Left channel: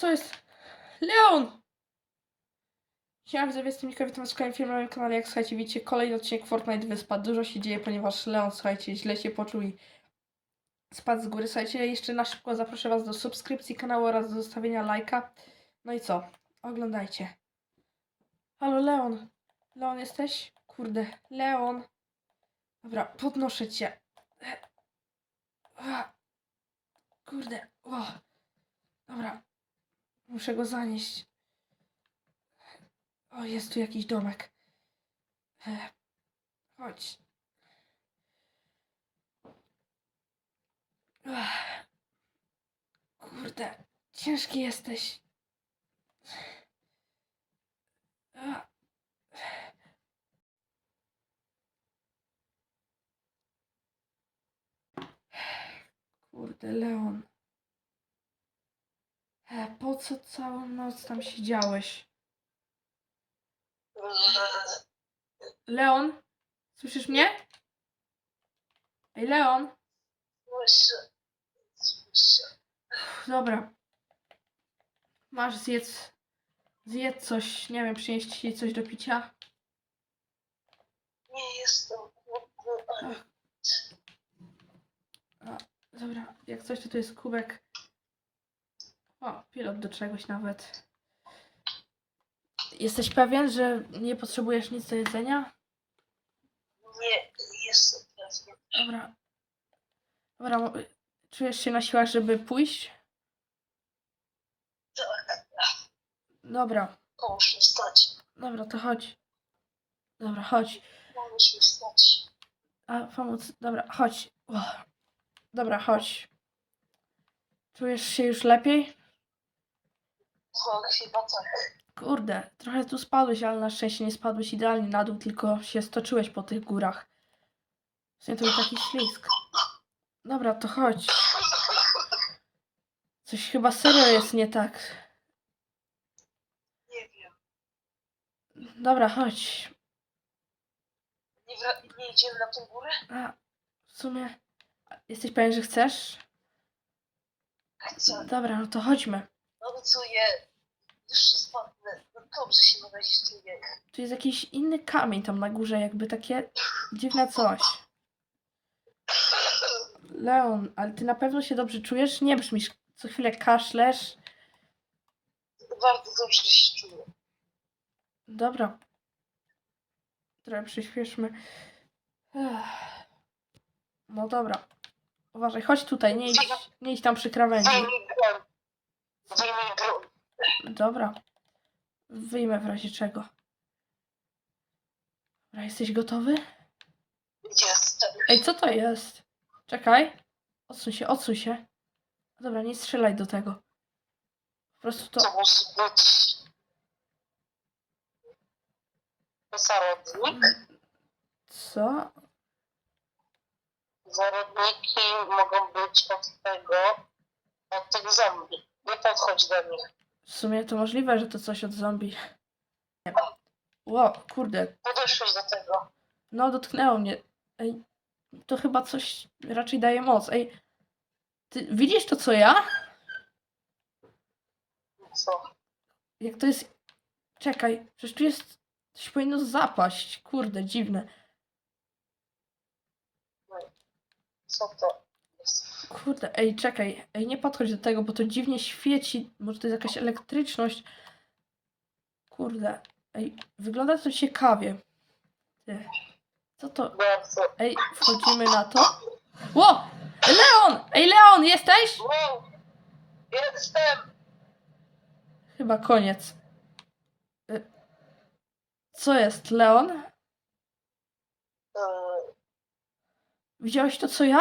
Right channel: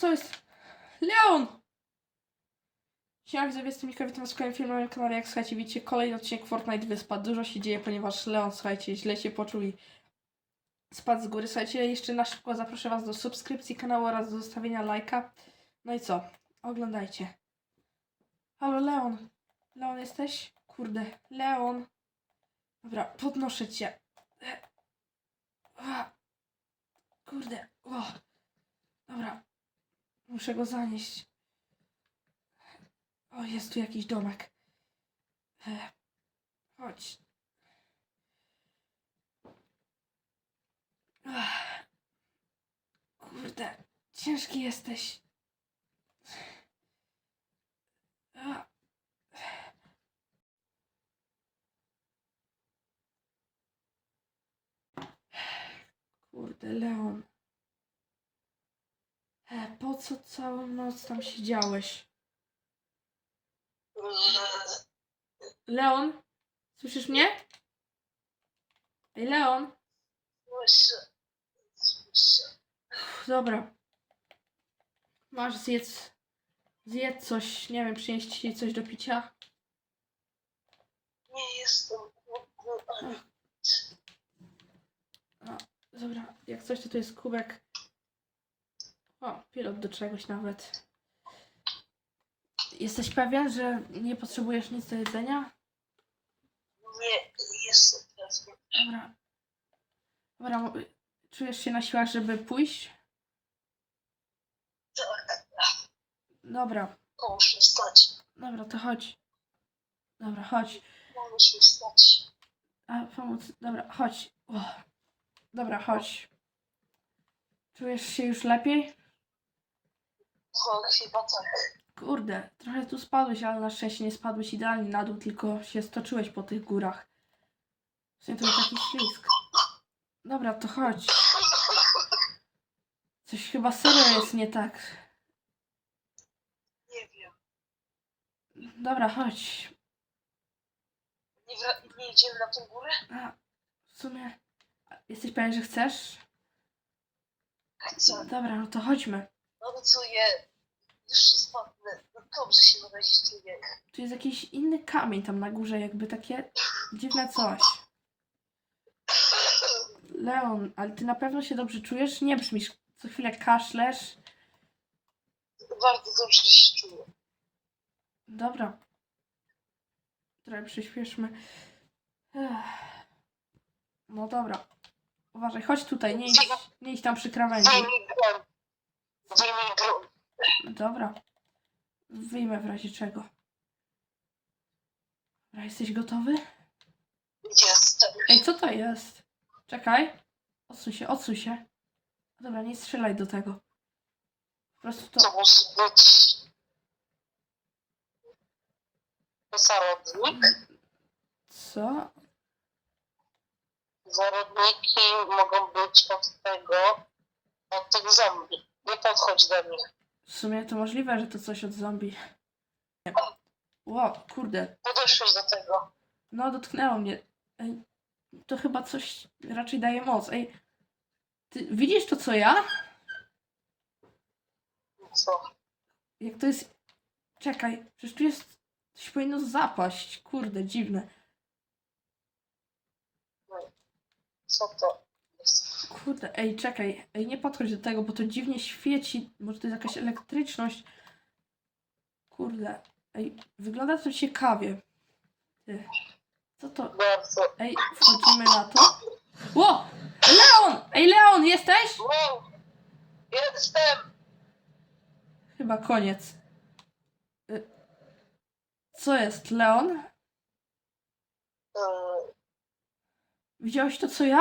Co jest? Leon! Siema, widzowie, jestem Mika, witam w kolejnym filmie na moim kanale. Jak słuchajcie, widzicie, kolejny odcinek Fortnite Wyspa. Dużo się dzieje, ponieważ Leon, słuchajcie, źle się poczuł i spadł z góry. Słuchajcie, jeszcze na szybko zaproszę was do subskrypcji kanału oraz do zostawienia lajka. No i co? Oglądajcie. Halo, Leon. Leon, jesteś? Kurde, Leon. Dobra, podnoszę cię. Kurde, o. Dobra, muszę go zanieść. O, jest tu jakiś domek. E, chodź. Ach. Kurde, ciężki jesteś. Kurde, Leon. E, po co całą noc tam siedziałeś? Leon? Słyszysz mnie? Ej, Leon? Dobra. Masz zjedz. Zjedz coś. Nie wiem, przynieść ci coś do picia. Nie jestem głodny. Dobra, jak coś, to tu jest kubek. O, pilot do czegoś nawet. Jesteś pewien, że nie potrzebujesz nic do jedzenia? Nie jestem. Dobra. Dobra, mo- czujesz się na siłach, żeby pójść? Tak, Dobra, mi wstać. dobra, to chodź. Dobra, chodź. Mi wstać. A, pomóc. Dobra, chodź. O. Dobra, chodź. Czujesz się już lepiej? Chyba tak. Kurde, trochę tu spadłeś, ale na szczęście nie spadłeś idealnie na dół, tylko się stoczyłeś po tych górach. W sumie to był taki ślisk. Dobra, to chodź. Coś chyba serio jest nie tak. Nie wiem. Dobra, chodź. Nie, wra- nie idziemy na tą górę? A, w sumie... Jesteś pewien, że chcesz? Chcę. Dobra, no to chodźmy. Obiecuję. No dobrze się razie czuję. Tu jest jakiś inny kamień tam na górze, jakby takie dziwne coś. Leon, ale ty na pewno się dobrze czujesz? Nie brzmisz, co chwilę kaszlesz. Bardzo dobrze się czuję. Dobra. Trochę przyspieszmy. Ech. No dobra. Uważaj, chodź tutaj, nie idź, nie idź tam przy krawędzi. Wyjmij broń. Wyjmij broń. Dobra. Wyjmę w razie czego. Dobra, jesteś gotowy? Jestem. Ej, co to jest? Czekaj. Odsuń się, odsuń się. Dobra, nie strzelaj do tego. Po prostu to... To musi być... Zarodnik. Co? Zarodniki mogą być od tego, od tych zombie. Nie podchodź do nich. W sumie to możliwe, że to coś od zombie. Ło, kurde. Podeszłeś do tego. No, dotknęło mnie. Ej, to chyba coś raczej daje moc. Ej, ty widzisz to, co ja? Co? Jak to jest... Czekaj, przecież tu jest... Coś powinno zapaść. Kurde, dziwne. Co to? Kurde, ej, czekaj. Ej, nie podchodź do tego, bo to dziwnie świeci. Może to jest jakaś elektryczność. Kurde. Ej, wygląda to ciekawie. Ty. Co to? Bardzo. Ej, wchodzimy na to. Ło! Leon! Ej, Leon, jesteś? Wow! Jestem! Chyba koniec. Y, Co jest, Leon? Eee, Widziałeś to, co ja?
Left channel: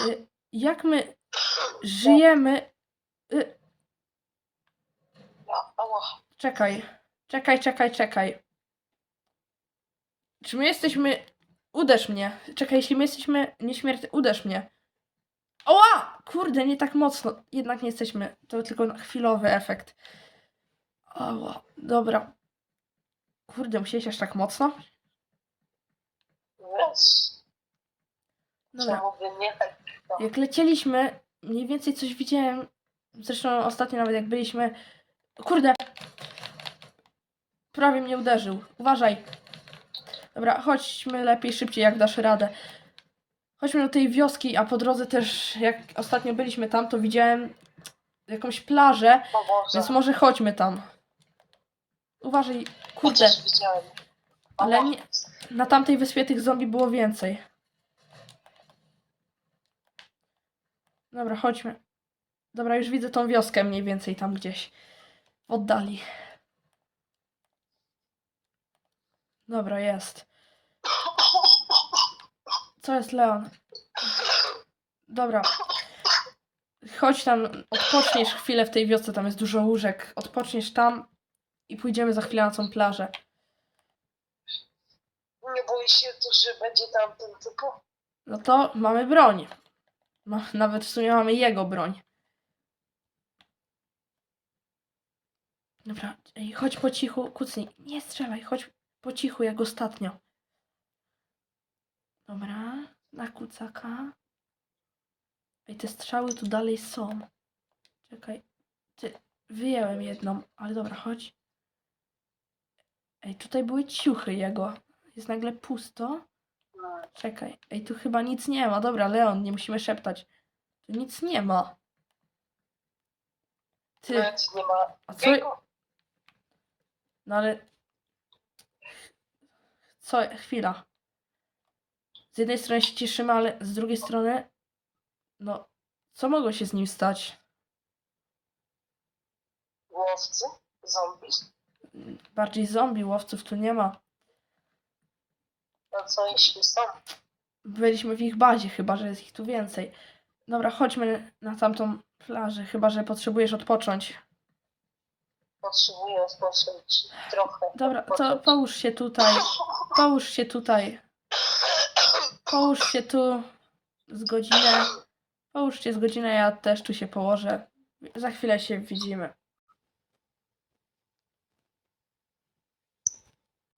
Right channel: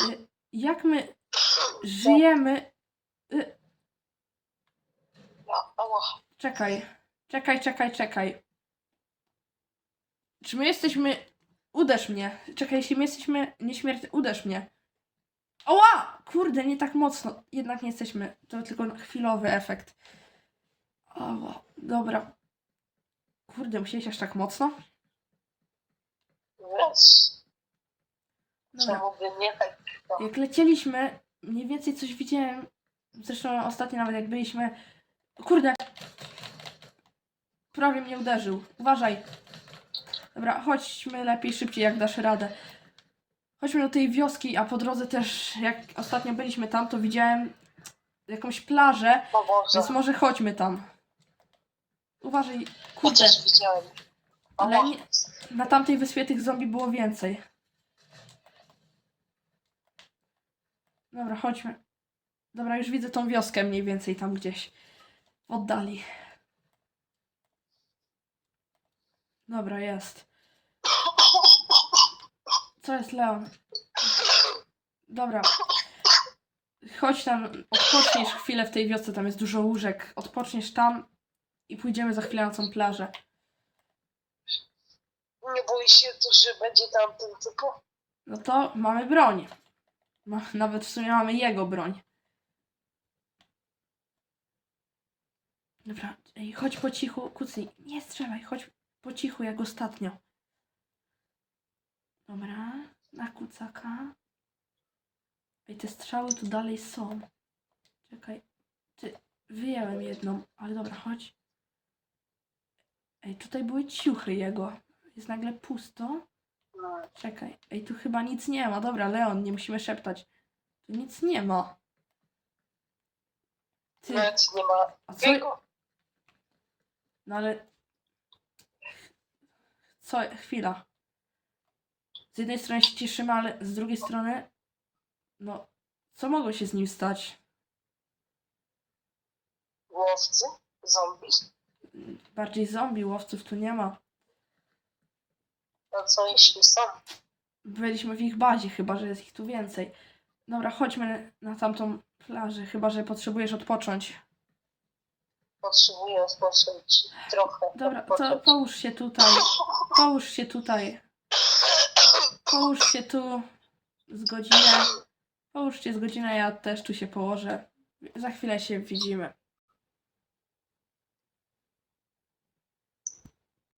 Y, Jak my żyjemy? Y. Czekaj, czekaj, czekaj, czekaj. Czy my jesteśmy. Uderz mnie. Czekaj, jeśli my jesteśmy nieśmiertelni, uderz mnie. Oła! Kurde, nie tak mocno. Jednak nie jesteśmy. To tylko chwilowy efekt. Oła, dobra. Kurde, musiałeś aż tak mocno? Wiesz, Dobra. czemu nie tak? Jak lecieliśmy, mniej więcej coś widziałem. Zresztą ostatnio nawet jak byliśmy. Kurde! Prawie mnie uderzył. Uważaj. Dobra, chodźmy lepiej, szybciej, jak dasz radę. Chodźmy do tej wioski, a po drodze też, jak ostatnio byliśmy tam, to widziałem jakąś plażę, O Boże, więc może chodźmy tam. Uważaj, kurde, chociaż widziałem. Ale nie- na tamtej wyspie tych zombie było więcej. Dobra, chodźmy. Dobra, już widzę tą wioskę mniej więcej tam gdzieś w oddali. Dobra, jest. Co jest, Leon? Dobra. Chodź tam, odpoczniesz chwilę w tej wiosce, tam jest dużo łóżek. Odpoczniesz tam i pójdziemy za chwilę na tą plażę. Nie boisz się tu, że będzie tam ten typu? No to mamy broń. No, nawet w sumie mamy jego broń. Dobra, ej, chodź po cichu, kucnij. Nie strzelaj, chodź po cichu jak ostatnio. Dobra, na kucaka. Ej, te strzały tu dalej są. Czekaj, ty, wyjęłem jedną, ale dobra, chodź. Ej, tutaj były ciuchy jego. Jest nagle pusto. Czekaj, ej, tu chyba nic nie ma. Dobra, Leon, nie musimy szeptać. Tu nic nie ma. Ty, Nic nie ma. a co? No ale... Co? Chwila. Z jednej strony się cieszymy, ale z drugiej strony... No, co mogło się z nim stać? Łowcy? Zombie? Bardziej zombie, łowców tu nie ma. A co jeśli są? Byliśmy w ich bazie, chyba że jest ich tu więcej. Dobra, chodźmy na tamtą plażę, chyba że potrzebujesz odpocząć. Potrzebuję odpocząć trochę. Dobra, to odpocząć. połóż się tutaj. Połóż się tutaj. Połóż się tu z godzinę. Połóż się z godzinę, ja też tu się położę. Za chwilę się widzimy.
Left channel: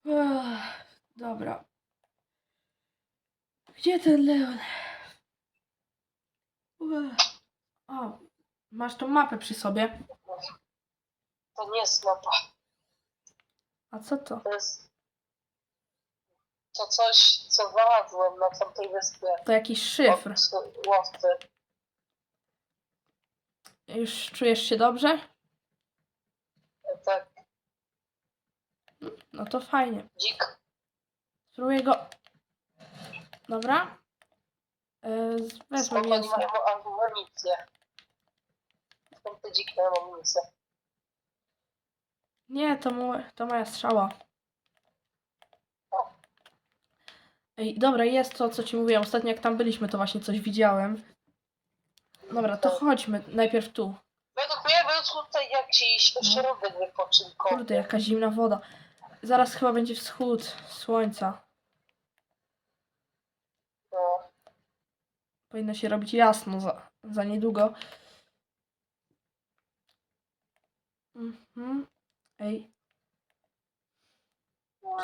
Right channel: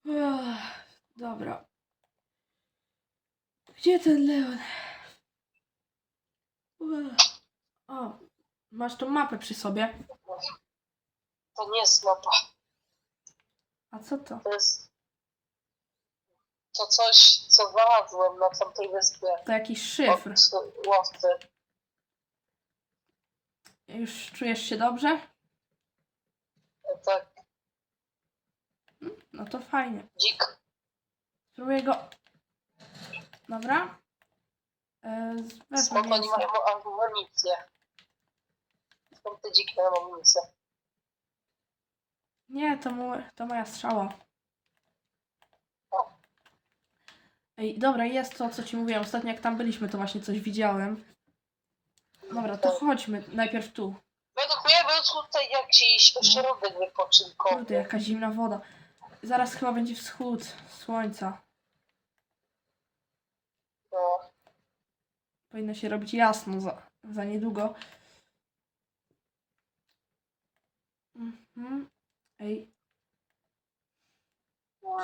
Ech, dobra. Gdzie ten Leon? O, masz tą mapę przy sobie. To nie jest mapa. A co to? To jest to coś, co znalazłem na tamtej wyspie. To jakiś szyfr. Od łowcy. Już czujesz się dobrze? Tak, No to fajnie. dzik. Spróbuję go. Dobra. Yy, wezmę Skąd oni mięso. mają amunicję? Skąd te dziki mają amunicję? Nie, to, mu, to moja strzała. Ej, dobra, jest to, co ci mówiłem. Ostatnio jak tam byliśmy, to właśnie coś widziałem. Dobra, to chodźmy. Najpierw tu. Według mnie był tutaj jakiś ośrodek wypoczynkowy. Kurde, jaka zimna woda. Zaraz chyba będzie wschód słońca. No, Powinno się robić jasno za, za niedługo. Mhm. Ej,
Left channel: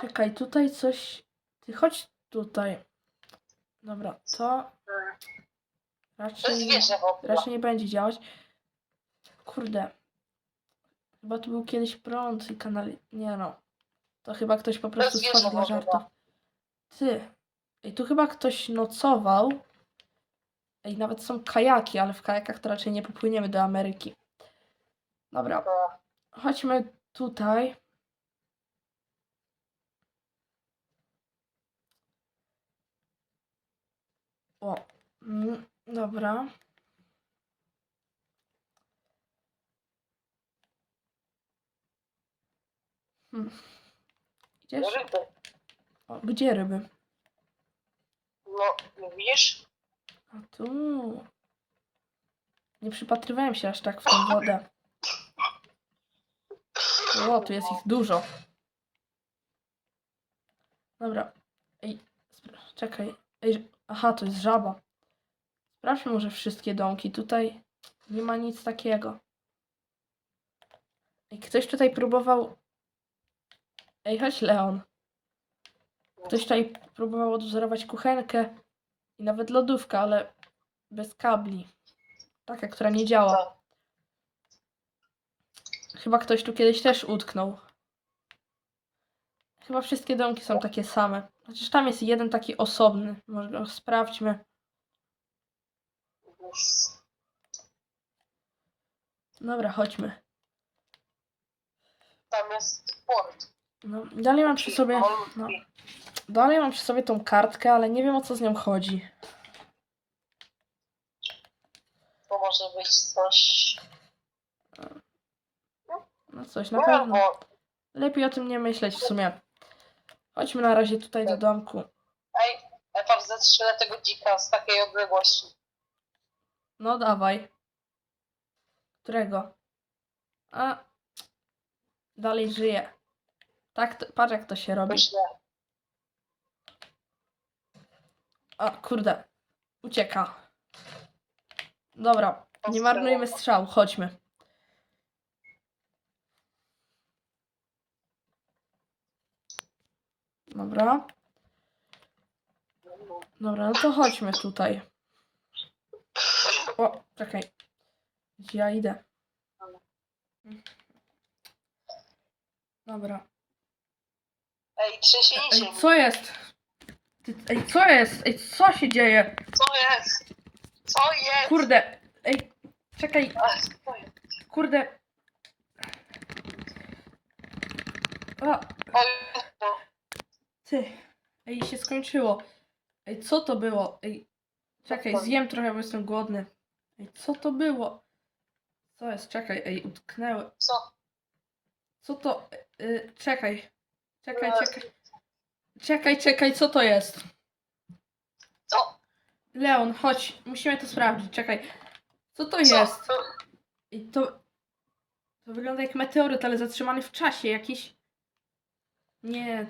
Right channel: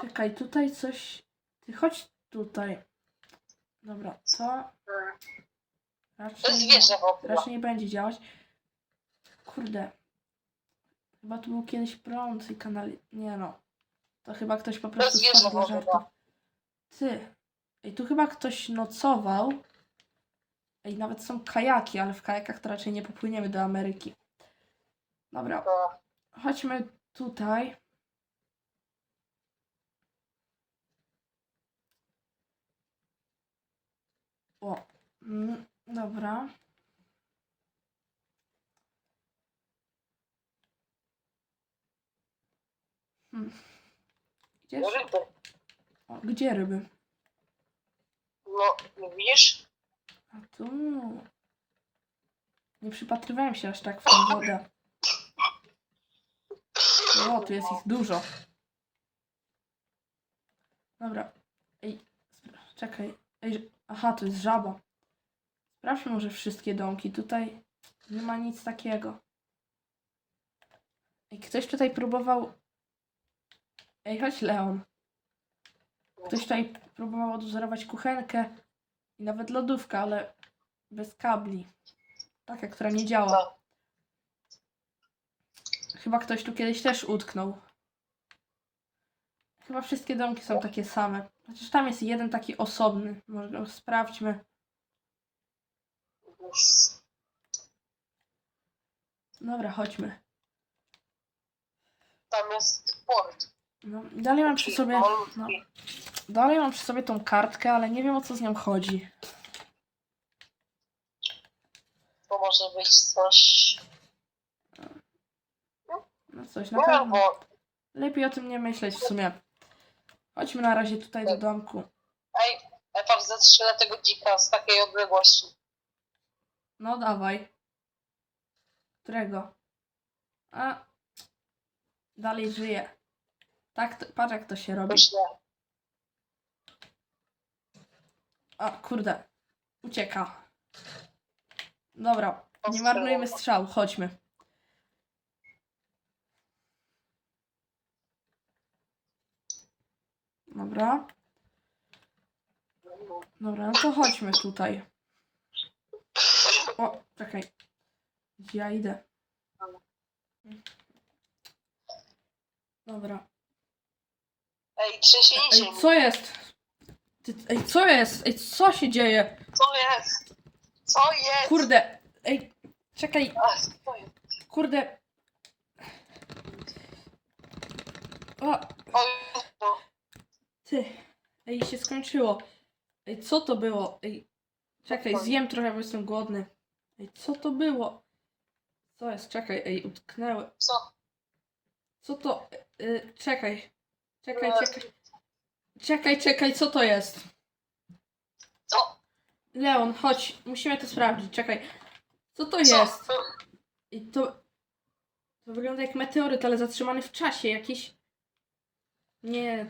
czekaj, tutaj coś. Ty chodź tutaj. Dobra, to. To raczej, wieża w ogóle. raczej nie będzie działać. Kurde. Chyba tu był kiedyś prąd i kanał. Nie no. To chyba ktoś po prostu stworzył dla wodowa. żartów. Ty. Ej, tu chyba ktoś nocował. Ej, nawet są kajaki, ale w kajakach to raczej nie popłyniemy do Ameryki. Dobra, No, chodźmy tutaj. O, mm, dobra. Hmm. Ryby. O, gdzie ryby? No, widzisz? A tu. Nie przypatrywałem się aż tak w tę wodę. O, tu jest ich dużo. Dobra. Ej, czekaj. Ej, aha, to jest żaba. Sprawdźmy może wszystkie domki. Tutaj nie ma nic takiego. Ej, ktoś tutaj próbował... Ej, chodź Leon. Ktoś tutaj próbował odwzorować kuchenkę i nawet lodówkę, ale bez kabli. Taka, która nie działa. Chyba ktoś tu kiedyś też utknął. Chyba wszystkie domki są takie same. Chociaż tam jest jeden taki osobny. Może go sprawdźmy. Dobra, chodźmy. Tam jest port. No, dalej mam przy sobie. No, dalej mam przy sobie tą kartkę, ale nie wiem o co z nią chodzi. To może być coś. No coś na No, pewno. Lepiej o tym nie myśleć w sumie. Chodźmy na razie tutaj do domku. ej, ja tam zestrzelę tego dzika z takiej odległości. No dawaj. Którego? A. Dalej żyje. Tak, to, patrz jak to się robi. Myślę. A, kurde. Ucieka. Dobra, nie marnujmy strzału, chodźmy. Dobra, dobra, no to chodźmy tutaj. O, czekaj. Gdzie ja idę? Dobra. Ej, trzęsienie Ej, ziemi. co jest? Ty, ej, co jest? Ej, co się dzieje? Co jest? Co jest? Kurde, ej, czekaj, Ach, co jest? kurde. No. ty, ej, się skończyło. Ej, co to było? Ej, czekaj, zjem trochę, bo jestem głodny. Ej, co to było? Co jest? Czekaj, ej, utknęły. Co? Co to? Y, czekaj, czekaj, czekaj. Czekaj, czekaj, co to jest? Co? Leon, chodź, musimy to sprawdzić, czekaj. Co to Co? jest? I to. To wygląda jak meteoryt, ale zatrzymany w czasie. Jakiś. Nie.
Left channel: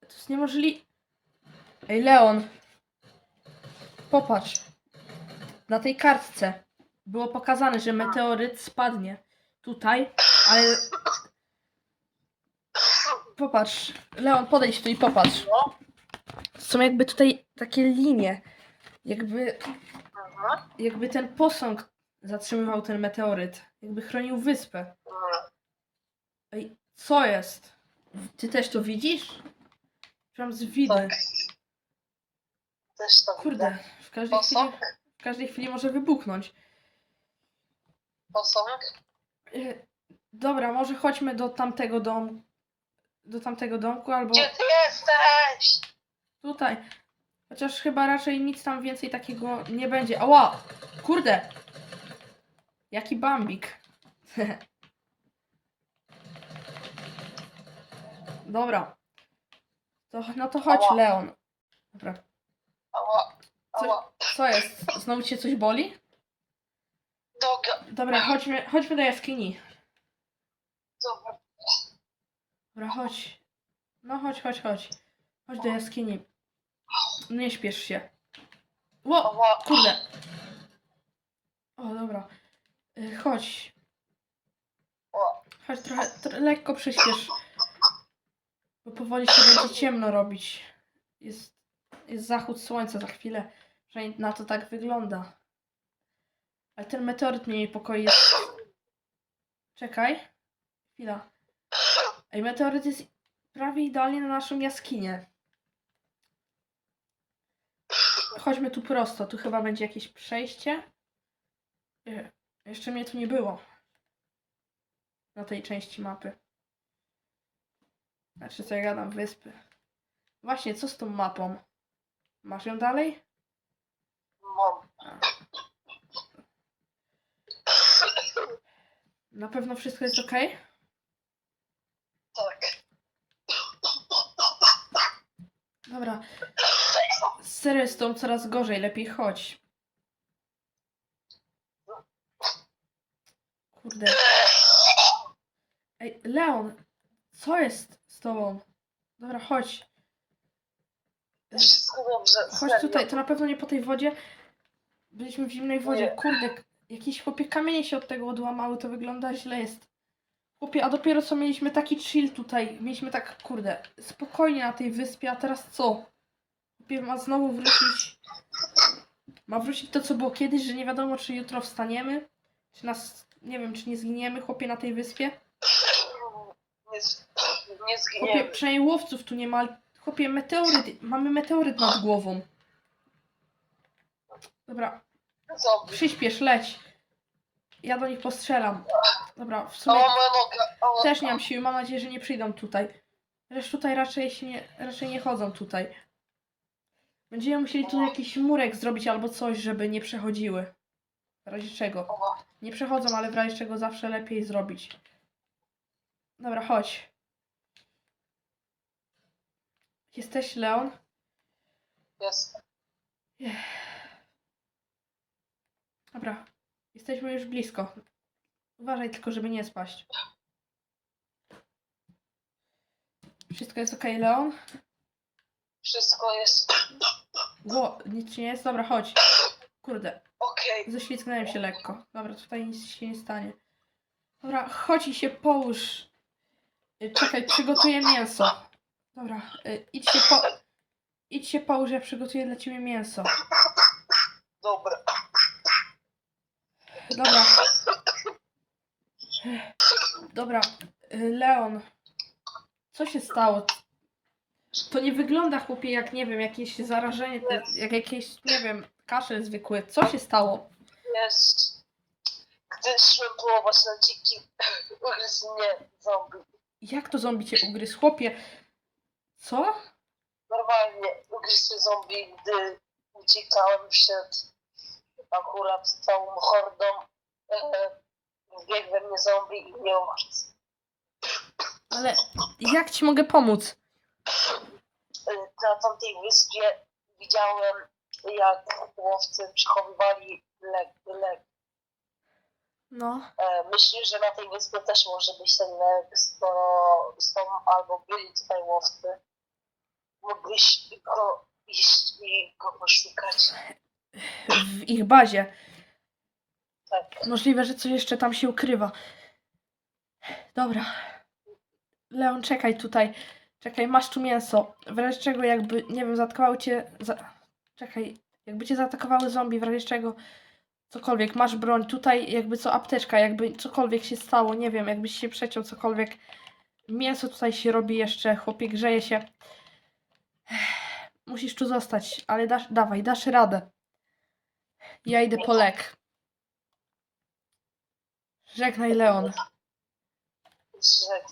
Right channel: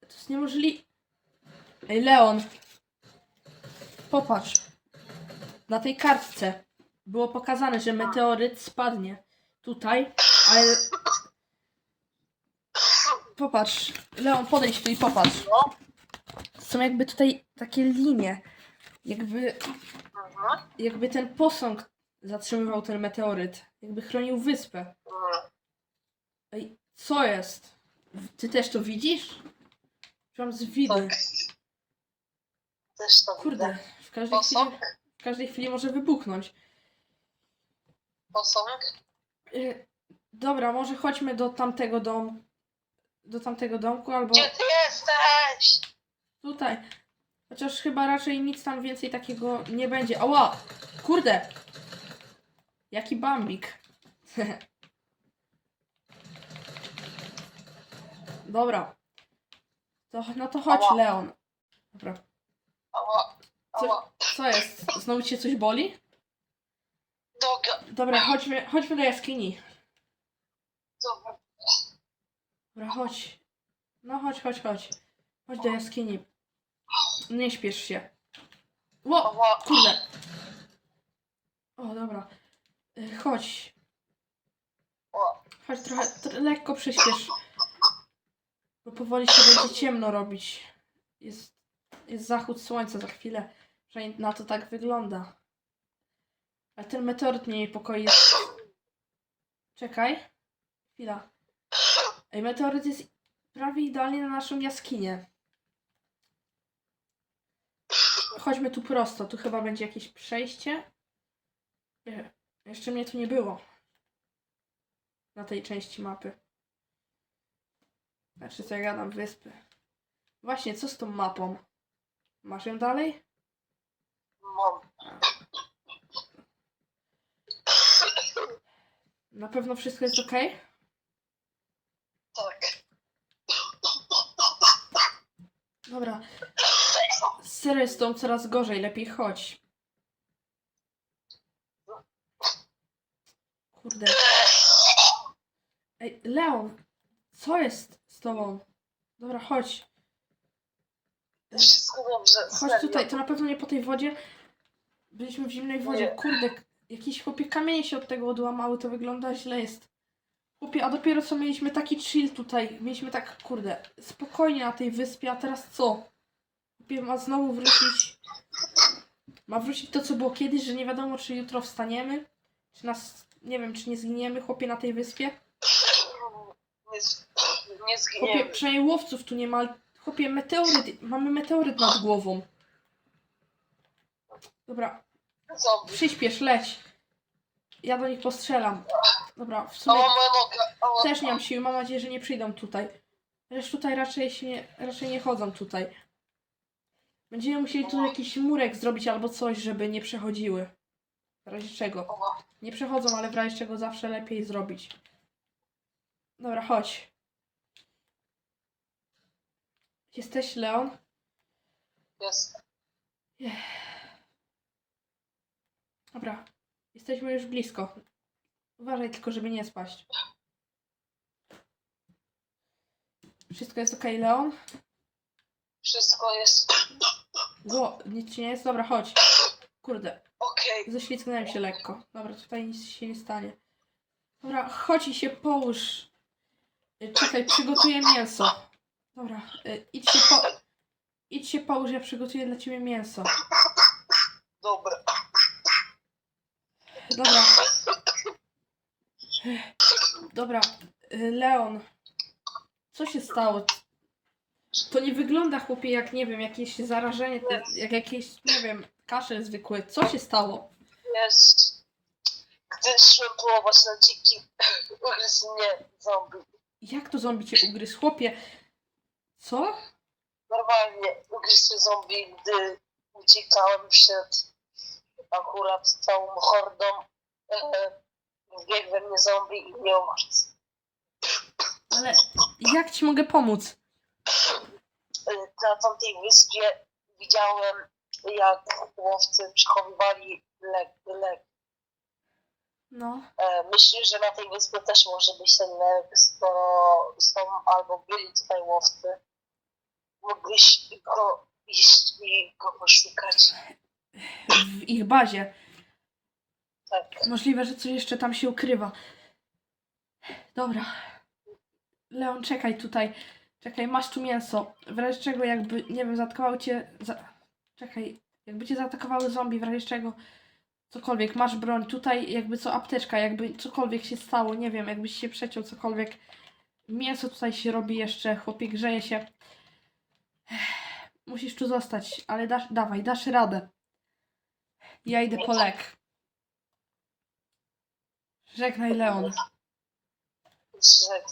To jest niemożliwe. Ej, Leon. Popatrz. Na tej kartce było pokazane, że meteoryt spadnie tutaj, ale. Popatrz. Leon, podejdź tu i popatrz. No. Są jakby tutaj takie linie. Jakby Mhm. jakby ten posąg zatrzymywał ten meteoryt. Jakby chronił wyspę. Ej, co jest? Ty też to widzisz? Mam z widy. Tak. Też to Kurde, widzę. w każdej, chwili, Posąg? w każdej chwili może wybuchnąć. Posąg? Y, Dobra, może chodźmy do tamtego domu. Do tamtego domku albo Gdzie ty jesteś? tutaj. Chociaż chyba raczej nic tam więcej takiego nie będzie. Ała! Kurde! Jaki bambik. Dobra. To, no to chodź, Ała. Leon. Dobra. Ała, Co, ała. co jest? Znowu cię coś boli? Doga. Dobra, chodźmy, chodźmy do jaskini. Dobra. Dobra, chodź. No chodź, chodź, chodź. Chodź do jaskini. Nie śpiesz się. Ło! Kurde. O, dobra. Y, Chodź. Chodź trochę, tr- lekko przyspiesz. Bo powoli się będzie ciemno robić. Jest, jest zachód słońca za chwilę. Przynajmniej na to tak wygląda. Ale ten meteoryt mnie niepokoi. Czekaj. Chwila. Ej, meteoryt jest prawie idealnie na naszą jaskinię. Chodźmy tu prosto. Tu chyba będzie jakieś przejście. Nie, Jeszcze mnie tu nie było. Na tej części mapy. Znaczy co ja gadam, wyspy. Właśnie, co z tą mapą? Masz ją dalej? Mam. Na pewno wszystko jest ok? Tak. Dobra. Serio jest tą coraz gorzej, lepiej chodź. Kurde. Ej, Leon, co jest z tobą? Dobra, chodź. Wszystko dobrze. Chodź serio. tutaj, to na pewno nie po tej wodzie. Byliśmy w zimnej wodzie. Nie. Kurde, jakieś chłopie kamienie się od tego odłamały, to wygląda źle jest. Chłopie, a dopiero co mieliśmy taki chill tutaj. Mieliśmy tak, kurde, spokojnie na tej wyspie, a teraz co? Chłopie, ma znowu wrócić. Ma wrócić to, co było kiedyś, że nie wiadomo, czy jutro wstaniemy, czy nas, nie wiem, czy nie zginiemy, chłopie, na tej wyspie. Nie, z- nie Chłopie, zginiemy. przynajmniej łowców tu nie ma, chłopie, meteoryt, mamy meteoryt nad głową. Dobra, Zombie. przyspiesz, leć. Ja do nich postrzelam. Dobra, w sumie też nie mam siły, mam nadzieję, że nie przyjdą tutaj. Lecz tutaj raczej się nie, raczej nie chodzą tutaj. Będziemy musieli tu jakiś murek zrobić albo coś, żeby nie przechodziły. W razie czego. Nie przechodzą, ale w razie czego zawsze lepiej zrobić. Dobra, chodź. Jesteś Leon? Jest. Dobra. Jesteśmy już blisko. Uważaj tylko, żeby nie spaść. Wszystko jest ok, Leon? Wszystko jest Gło, nic ci nie jest? Dobra, chodź. Kurde, okej. ześlizgnąłem się lekko. Dobra, tutaj nic się nie stanie. Dobra, chodź i się połóż. Y, Czekaj, przygotuję mięso. Dobra, y, idź się po... Idź się połóż, ja przygotuję dla ciebie mięso. Dobra. Dobra. Dobra, Leon. Co się stało? To nie wygląda, chłopie, jak, nie wiem, jakieś zarażenie, jak jakieś, nie wiem, kaszel zwykły. Co się stało? Jest. Gdy szłem polować na dziki, ugryzł mnie zombie. Jak to zombie cię ugryzł? Chłopie, co? Normalnie ugryzł zombie, gdy uciekałem przed akurat całą hordą. E, wbiegł we mnie zombie i mnie ugryzł. Ale jak ci mogę pomóc? E, na tamtej wyspie widziałem, jak łowcy przechowywali lek. lek. No, E, myślisz, że na tej wyspie też może być ten lek, skoro są albo byli tutaj łowcy? Mógłbyś go iść i go poszukać. W ich bazie. Tak. Możliwe, że coś jeszcze tam się ukrywa. Dobra. Leon, czekaj tutaj. Czekaj, masz tu mięso. W razie czego jakby, nie wiem, zaatakowały cię... Za... Czekaj, jakby cię zaatakowały zombie, w razie czego cokolwiek, masz broń. Tutaj jakby co apteczka, jakby cokolwiek się stało, nie wiem, jakbyś się przeciął, cokolwiek. Mięso tutaj się robi jeszcze, chłopie grzeje się. Musisz tu zostać, ale dasz, dawaj, dasz radę. Ja idę po lek. Żegnaj, Leon. Że